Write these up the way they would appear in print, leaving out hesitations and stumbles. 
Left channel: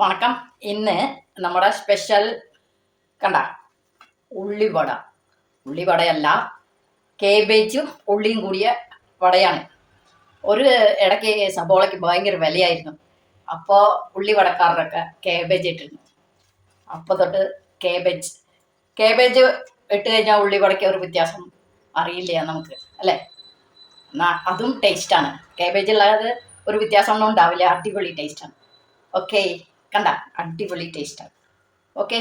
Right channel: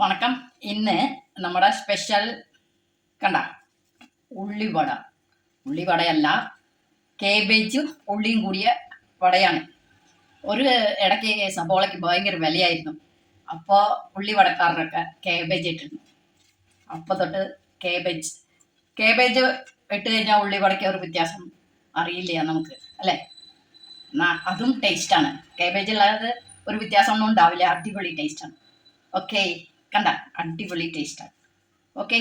വണക്കം. ഇന്ന് നമ്മുടെ സ്പെഷ്യൽ കണ്ട ഉള്ളിവട. ഉള്ളിവടയല്ല, കേബേജും ഉള്ളിയും കൂടിയ വടയാണ്. ഒരു ഇടയ്ക്ക് സബോളയ്ക്ക് ഭയങ്കര വിലയായിരുന്നു. അപ്പോൾ ഉള്ളിവടക്കാരനൊക്കെ കേബേജ് ഇട്ടിരുന്നു. അപ്പോൾ തൊട്ട് കേബേജ് ഇട്ട് കഴിഞ്ഞാൽ ഉള്ളിവടയ്ക്ക് ഒരു വ്യത്യാസം അറിയില്ല നമുക്ക്, അല്ലേ? എന്നാൽ അതും ടേസ്റ്റാണ്. കേബേജ് ഉള്ളത് ഒരു വ്യത്യാസമൊന്നും ഉണ്ടാവില്ല, അടിപൊളി ടേസ്റ്റാണ്. ഓക്കെ, കണ്ട അടിപൊളി ടേസ്റ്റാണ്. ഓക്കെ,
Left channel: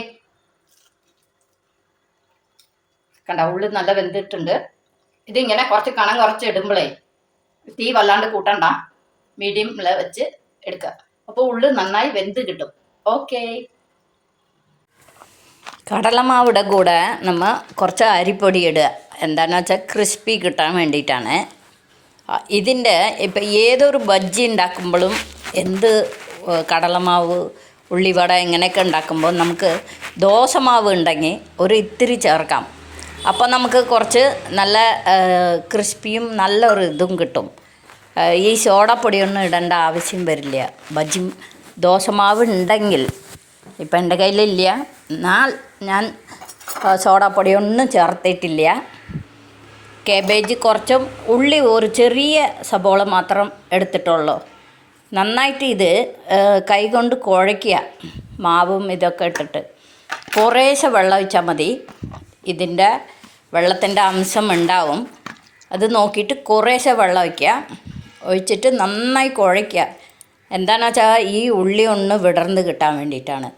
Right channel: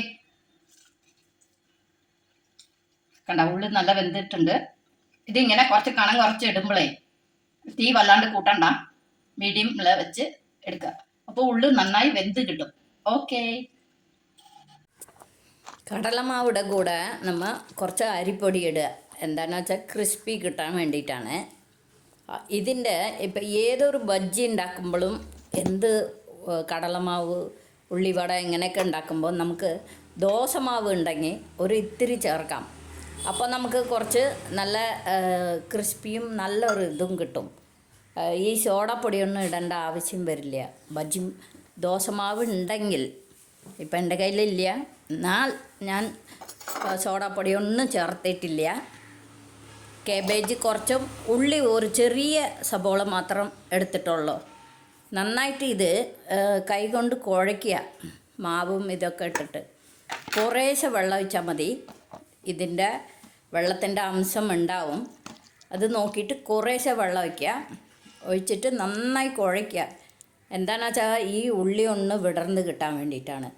കണ്ട ഉള്ളി നല്ല വെന്തിട്ടുണ്ട്. ഇതിങ്ങനെ കുറച്ച് കണം കുറച്ച് ഇടുമ്പോഴേ തീ വല്ലാണ്ട് കൂട്ടണ്ട, മീഡിയമിൽ വെച്ച് എടുക്കുക. അപ്പോൾ ഉള്ളി നന്നായി വെന്ത് കിട്ടും. ഓക്കെ, കടലമാവിടെ കൂടെ നമ്മൾ കുറച്ച് അരിപ്പൊടി ഇടുക. എന്താണെന്ന് വെച്ചാൽ ക്രിസ്പി കിട്ടാൻ വേണ്ടിയിട്ടാണ്. ഇതിൻ്റെ ഇപ്പം ഏതൊരു ബജ്ജി ഉണ്ടാക്കുമ്പോഴും കടലമാവ്, ഉള്ളിവട ഇങ്ങനെയൊക്കെ ഉണ്ടാക്കുമ്പോൾ നമുക്ക് ദോശമാവ് ഉണ്ടെങ്കിൽ ഒരു ഇത്തിരി ചേർക്കാം. അപ്പോൾ നമുക്ക് കുറച്ച് നല്ല ക്രിസ്പിയും നല്ലൊരു ഇതും കിട്ടും. ഈ സോഡാപ്പൊടിയൊന്നും ഇടേണ്ട ആവശ്യം വരില്ല. ദോശമാവ് ഉണ്ടെങ്കിൽ, ഇപ്പം എൻ്റെ കയ്യിലില്ല, എന്നാൽ ഞാൻ സോഡാപ്പൊടിയൊന്നും ചേർത്തിട്ടില്ല. കേബേജ് കുറച്ചും ഉള്ളി ഒരു ചെറിയ സബോള മാത്രം എടുത്തിട്ടുള്ളൂ. നന്നായിട്ട് ഇത് കൈകൊണ്ട് കുഴയ്ക്കുക. മാവും ഇതൊക്കെ ഇട്ടിട്ട് കുറേശ്ശെ വെള്ളം ഒഴിച്ചാൽ മതി. ഇതിൻ്റെ വെള്ളത്തിൻ്റെ അംശം ഉണ്ടാവും. അത് നോക്കിയിട്ട് കുറേശ്ശെ വെള്ളം ഒഴിച്ചിട്ട് നന്നായി കുഴയ്ക്കുക. എന്താണെന്ന് വെച്ചാൽ ഈ ഉള്ളി ഒന്ന് വിടർന്ന് കിട്ടാൻ വേണ്ടിയിട്ടാണ്.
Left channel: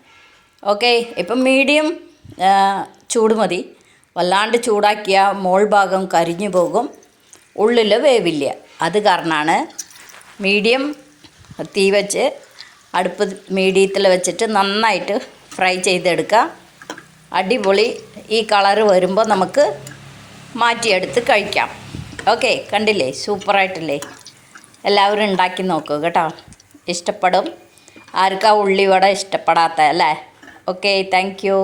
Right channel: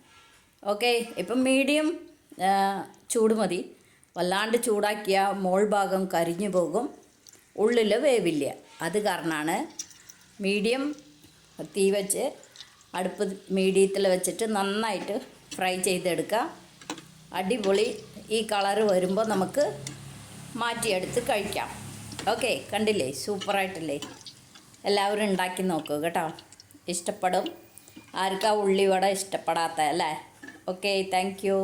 ഓക്കെ, ഇപ്പം മീഡിയം ചൂട് മതി. വല്ലാണ്ട് ചൂടാക്കിയാൽ മോൾ ഭാഗം കരിഞ്ഞു പോകും, ഉള്ളിൽ വേവില്ല. അത് കാരണമാണ് മീഡിയം തീ വെച്ച് അടുപ്പ് മീഡിയത്തിൽ വെച്ചിട്ട് നന്നായിട്ട് ഫ്രൈ ചെയ്തെടുക്കുക. അടിപൊളി ഈ കളറ് വരുമ്പോൾ നമുക്ക് മാറ്റിയെടുത്ത് കഴിക്കാം. ഓക്കെ, കണ്ടില്ലേ, സൂപ്പറായിട്ടില്ലേ? എല്ലാവരും ഉണ്ടാക്കി നോക്കൂ കേട്ടോ, ഇഷ്ടപ്പെടും. ആർക്കാ ഉള്ളിവട ഇഷ്ടപ്പെടാത്ത, അല്ലേ? Okay, thank you.